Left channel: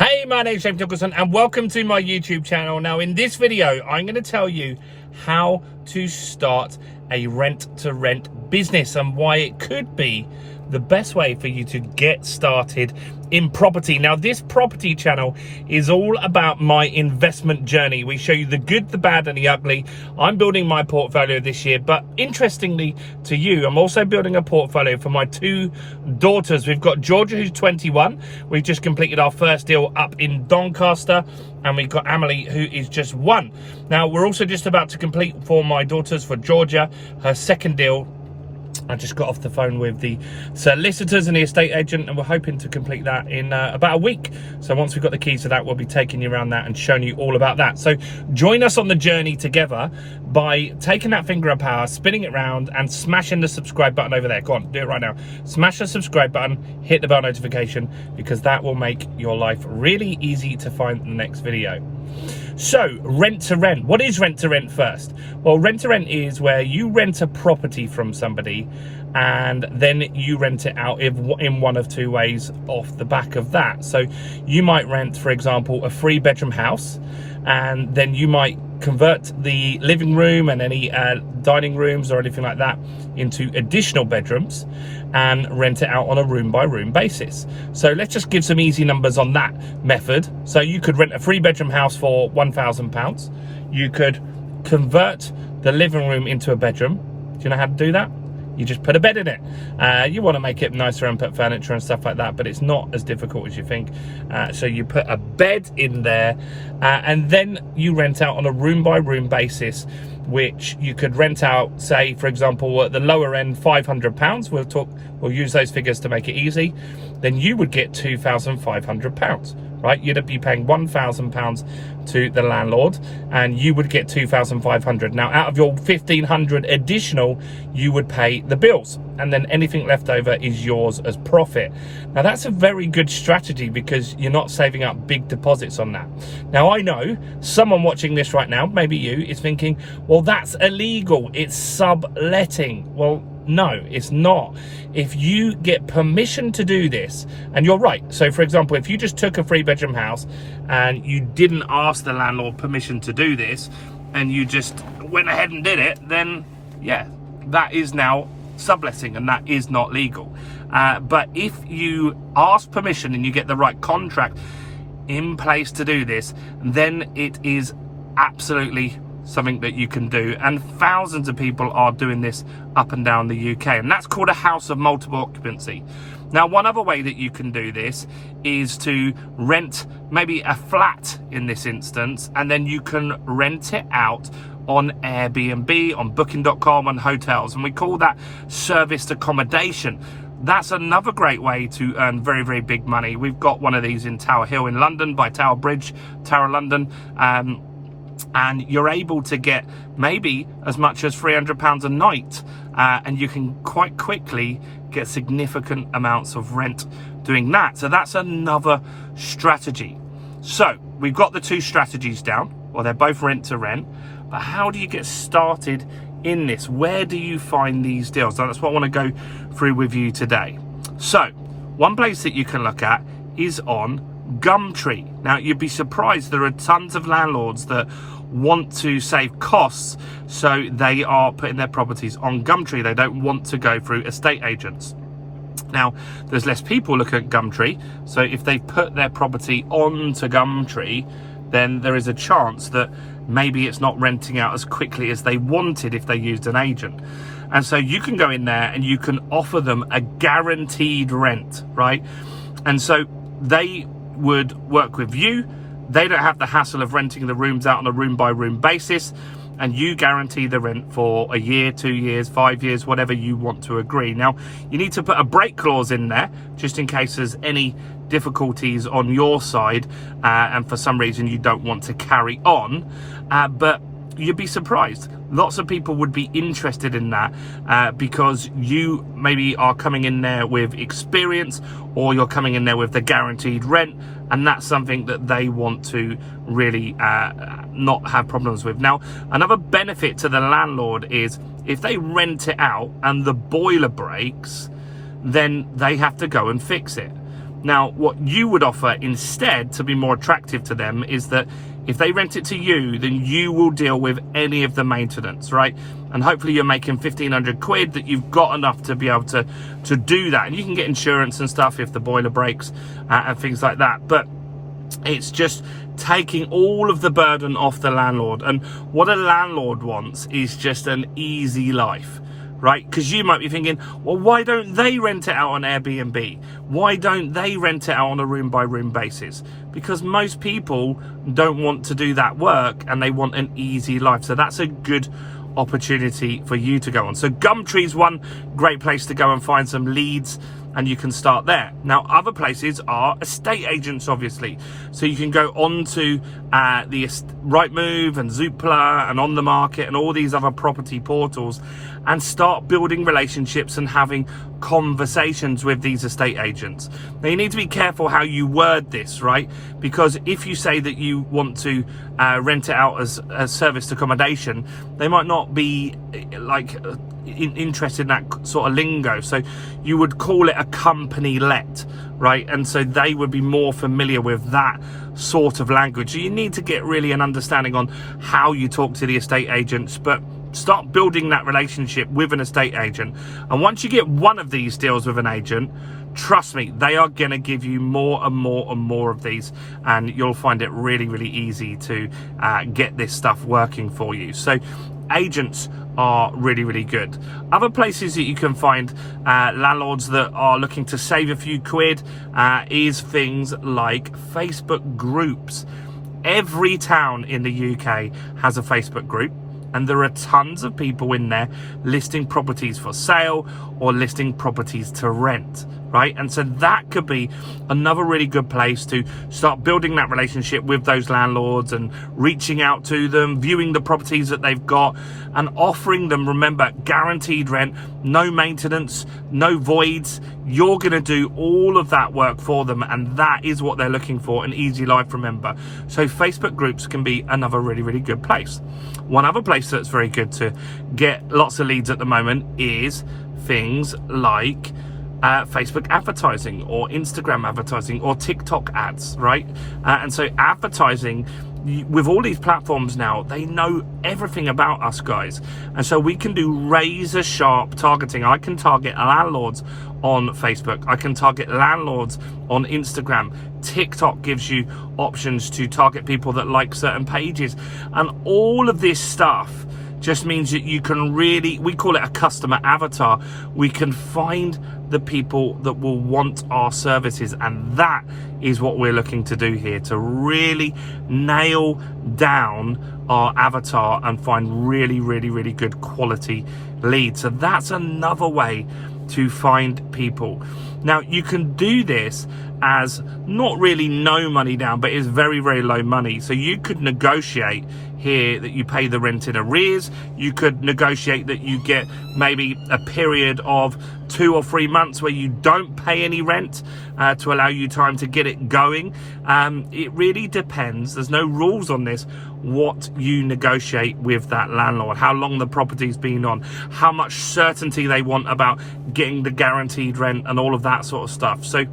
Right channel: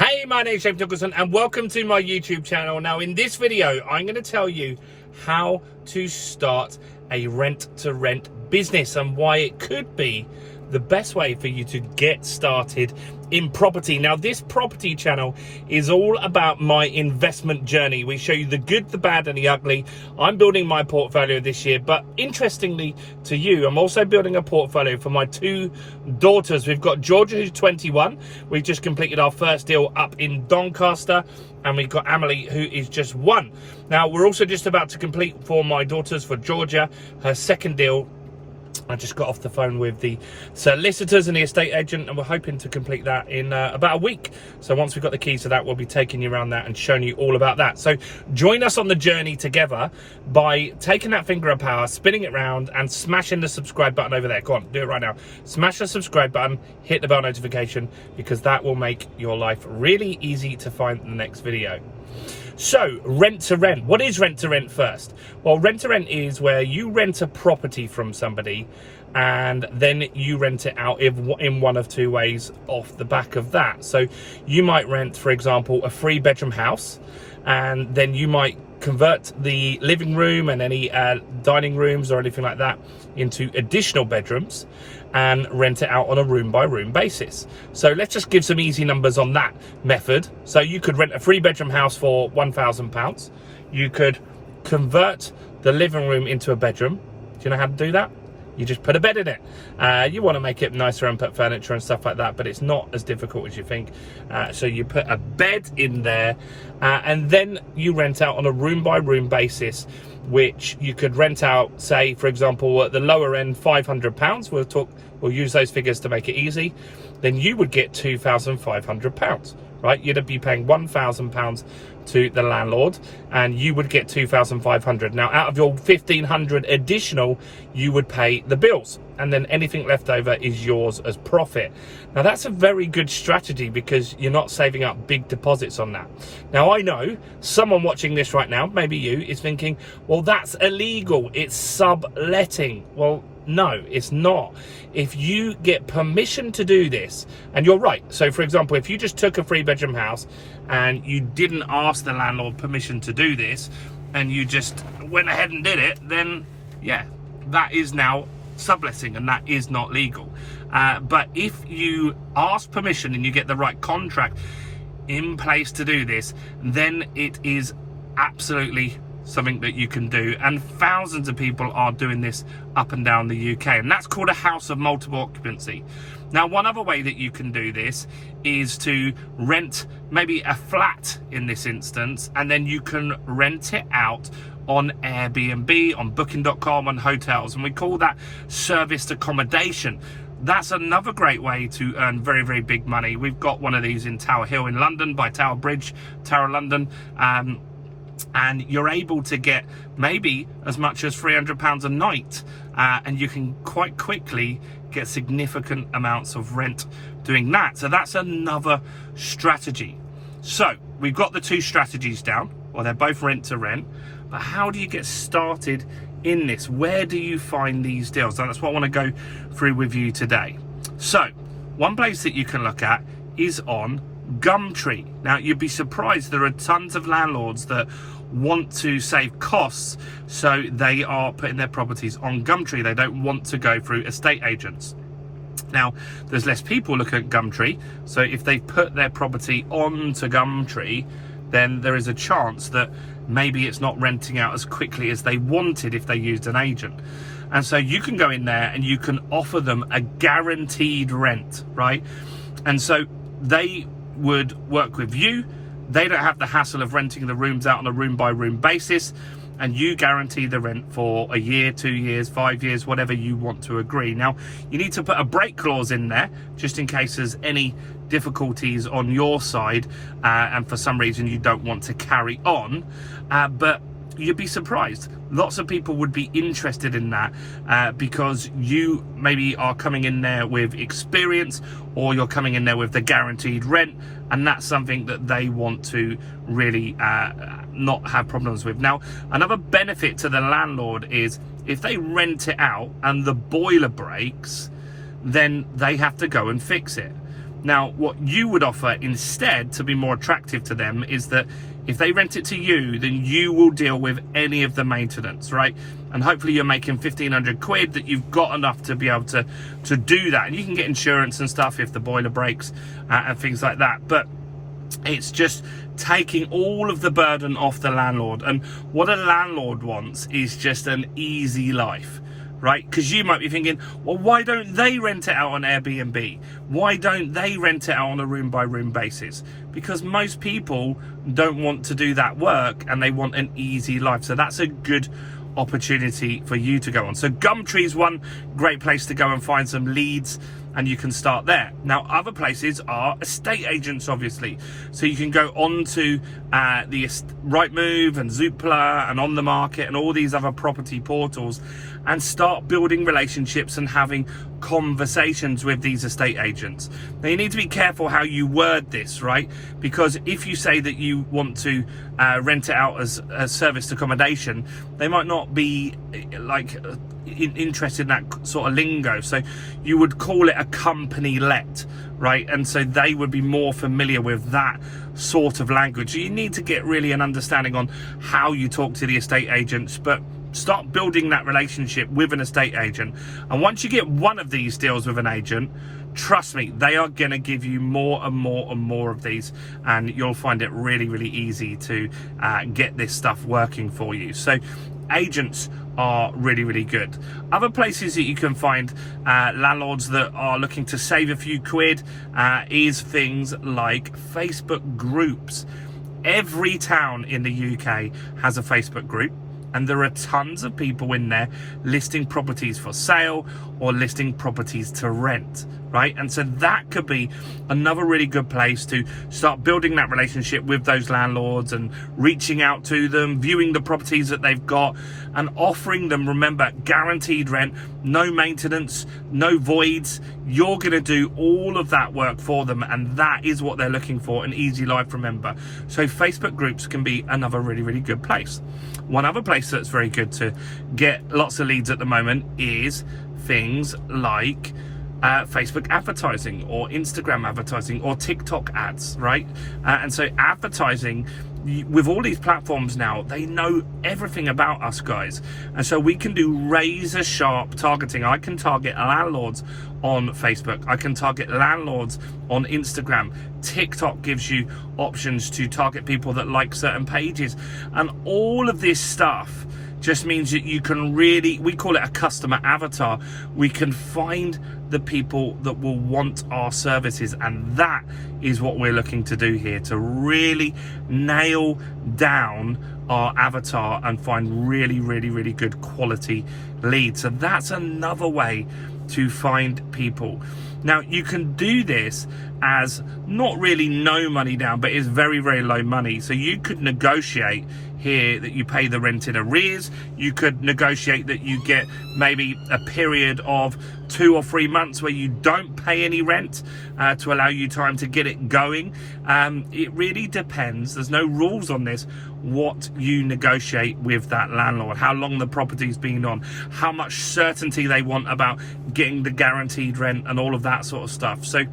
Hey, my name's James Nicholson and welcome to my YouTube channel. Now in this video, I'm going to tell you how to start a rent-to-rent business and why it could be the best way for you to get started in property. Now this property channel is all about my investment journey. We show you the good, the bad and the ugly. I'm building my portfolio this year, but interestingly to you, I'm also building a portfolio for my two daughters. We've got Georgia, who's 21. We've just completed our first deal up in Doncaster, and we've got Emily, who is just 1. Now we're also just about to complete for my daughters, for Georgia, her second deal. I just got off the phone with the solicitors and the estate agent, and we're hoping to complete that in about a week. So once we've got the keys to that, we'll be taking you around that and showing you all about that. So join us on the journey together by taking that finger of power, spinning it around and smashing the subscribe button over there. Go on, do it right now. Smash the subscribe button, hit the bell notification, because that will make your life really easy to find the next video. So rent to rent. What is rent to rent first? Well, rent to rent is where you rent a property from somebody and then you rent it out in one of two ways off the back of that. So you might rent, for example, a 3-bedroom house, and then you might convert the living room and any dining rooms or anything like that into additional bedrooms and rent it out on a room by room basis. So let's just give some easy numbers on that method. So you could rent a 3-bedroom house for £1,000. You could convert the living room into a bedroom. Do you know how to do that? You just put a bed in it. You want to make it nicer and put furniture and stuff like that, but it's not as difficult as you think. So you put a bed in there, and then you rent out on a room by room basis, which you could rent out, say, for example, at the lower end, £500. We'll use those figures to make it easy. Then you would get £2,500, right? You'd be paying £1,000 to the landlord, and you would get £2,500. Now, out of your £1,500 additional, you would pay the bills, and then anything left over is yours as profit. Now, that's a very good strategy because you're not saving up big deposits on that. Now, I know someone watching this right now, maybe you, is thinking, well, that's illegal. It's subletting. Well, no, it's not. If you get permission to do this, and you're right. So, for example, if you just took a 3-bedroom house and you didn't ask the landlord permission to do this, and you just went ahead and did it, then, yeah, that is now subletting, and that is not legal. But if you ask permission and you get the right contract in place to do this, then it is absolutely something that you can do, and thousands of people are doing this up and down the UK, and that's called a house of multiple occupancy. Now, one other way that you can do this is to rent maybe a flat in this instance, and then you can rent it out on Airbnb, on booking.com, on hotels, and we call that serviced accommodation. That's another great way to earn very, very big money. We've got one of these in Tower Hill in London, by Tower Bridge, Tower London, and you're able to get maybe as much as £300 a night, and you can quite quickly get significant amounts of rent doing that. So that's another strategy. So we've got the two strategies down. Well, they're both rent to rent, but how do you get started in this? Where do you find these deals? And that's what I want to go through with you today. So one place that you can look at is on Gumtree. Now, you'd be surprised, there are tons of landlords that want to save costs, so they are putting their properties on Gumtree. They don't want to go through estate agents. Now, there's less people looking at Gumtree, so if they put their property onto Gumtree, then there is a chance that maybe it's not renting out as quickly as they wanted if they used an agent. And so you can go in there and you can offer them a guaranteed rent, right? And so they would work with you. They don't have the hassle of renting the rooms out on a room by room basis, and you guarantee the rent for a year, 2 years, 5 years, whatever you want to agree. Now, you need to put a break clause in there just in case there's any difficulties on your side, and for some reason you don't want to carry on, but you'd be surprised. Lots of people would be interested in that because you maybe are coming in there with experience, or you're coming in there with the guaranteed rent, and that's something that they want to really not have problems with. Now, another benefit to the landlord is if they rent it out and the boiler breaks, then they have to go and fix it. Now, what you would offer instead to be more attractive to them is that if they rent it to you, then you will deal with any of the maintenance, right? And hopefully you're making 1,500 quid, that you've got enough to be able to do that. And you can get insurance and stuff if the boiler breaks and things like that. But it's just taking all of the burden off the landlord. And what a landlord wants is just an easy life, right? Because you might be thinking, well, why don't they rent it out on Airbnb? Why don't they rent it out on a room by room basis? Because most people don't want to do that work and they want an easy life. So that's a good opportunity for you to go on. So Gumtree's one great place to go and find some leads, and you can start there. Now, other places are estate agents, obviously. So you can go on to the Rightmove and Zoopla and On the Market and all these other property portals and start building relationships and having conversations with these estate agents. Now, you need to be careful how you word this, right? Because if you say that you want to rent it out as a serviced accommodation, they might not be like interested in that sort of lingo. So you would call it a company let, right? And so they would be more familiar with that sort of language. So you need to get really an understanding on how you talk to the estate agents, but start building that relationship with an estate agent. And once you get one of these deals with an agent, trust me, they are going to give you more and more and more of these, and you'll find it really, really easy to get this stuff working for you. So agents are really, really good. Other places that you can find landlords that are looking to save a few quid is things like Facebook groups. Every town in the UK has a Facebook group, and there are tons of people in there listing properties for sale or listing properties to rent, right? And so that could be another really good place to start building that relationship with those landlords and reaching out to them, viewing the properties that they've got and offering them, remember, guaranteed rent, no maintenance, no voids. You're going to do all of that work for them, and that is what they're looking for, an easy life, remember. So Facebook groups can be another really, really good place. One other place that's very good to get lots of leads at the moment is things like Facebook advertising or Instagram advertising or TikTok ads, right? And so advertising with all these platforms now, they know everything about us, guys. And so we can do razor sharp targeting. I can target landlords on Facebook. I can target landlords on Instagram. TikTok gives you options to target people that like certain pages. And all of this stuff just means that you can really, we call it a customer avatar. We can find the people that will want our services, and that is what we're looking to do here, to really nail down our avatar and find really, really, really good quality leads. So that's another way to find people. Now, you can do this as not really no money down, but it's very, very low money. So you could negotiate here that you pay the rent in arrears. You could negotiate that you get maybe a period of 2 or 3 months where you don't pay any rent to allow you time to get it going. It really depends. There's no rules on this. What you negotiate with that landlord, how long the property's been on, how much certainty they want about getting the guaranteed rent and all of that sort of stuff. So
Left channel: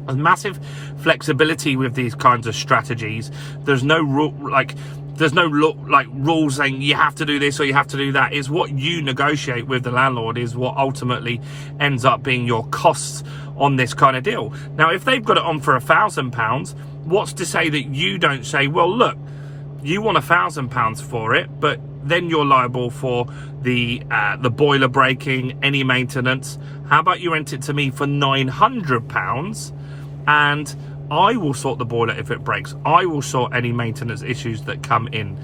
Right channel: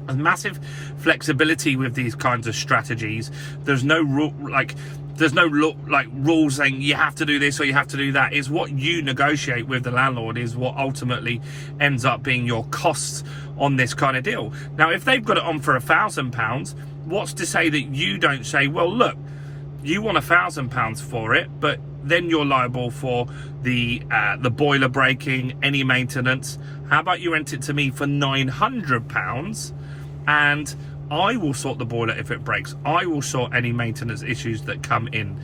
there's massive flexibility with these kinds of strategies. There's no rule, there's no rules saying you have to do this or you have to do that. It's what you negotiate with the landlord is what ultimately ends up being your costs on this kind of deal. Now, if they've got it on for £1,000, what's to say that you don't say, well, look, you want £1,000 for it, but then you're liable for the boiler breaking, any maintenance. How about you rent it to me for £900 and I will sort the boiler if it breaks. I will sort any maintenance issues that come in.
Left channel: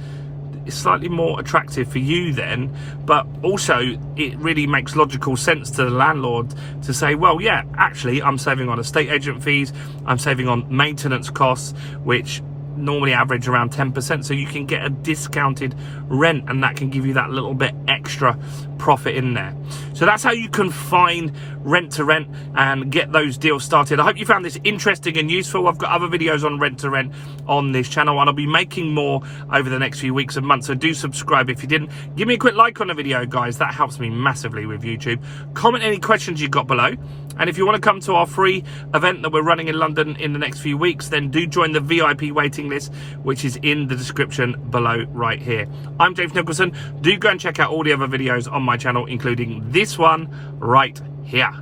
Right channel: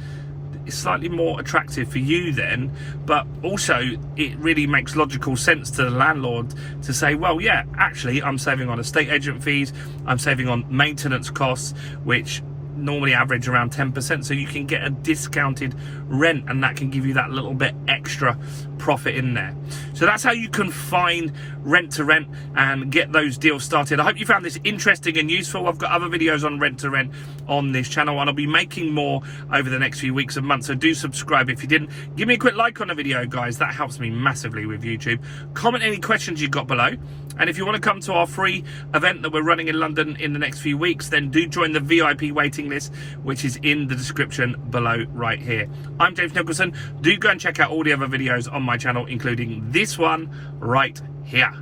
It's slightly more attractive for you then, but also it really makes logical sense to the landlord to say, well, yeah, actually I'm saving on estate agent fees, I'm saving on maintenance costs, which normally average around 10%, so you can get a discounted rent, and that can give you that little bit extra profit in there. So that's how you can find rent to rent and get those deals started. I hope you found this interesting and useful. I've got other videos on rent to rent on this channel, and I'll be making more over the next few weeks and months, so do subscribe if you didn't. Give me a quick like on the video, guys. That helps me massively with YouTube. Comment any questions you've got below, and if you want to come to our free event that we're running in London in the next few weeks, then do join the VIP waiting list, which is in the description below right here. I'm James Nicholson. Do go and check out all the other videos on my channel, including this one right here.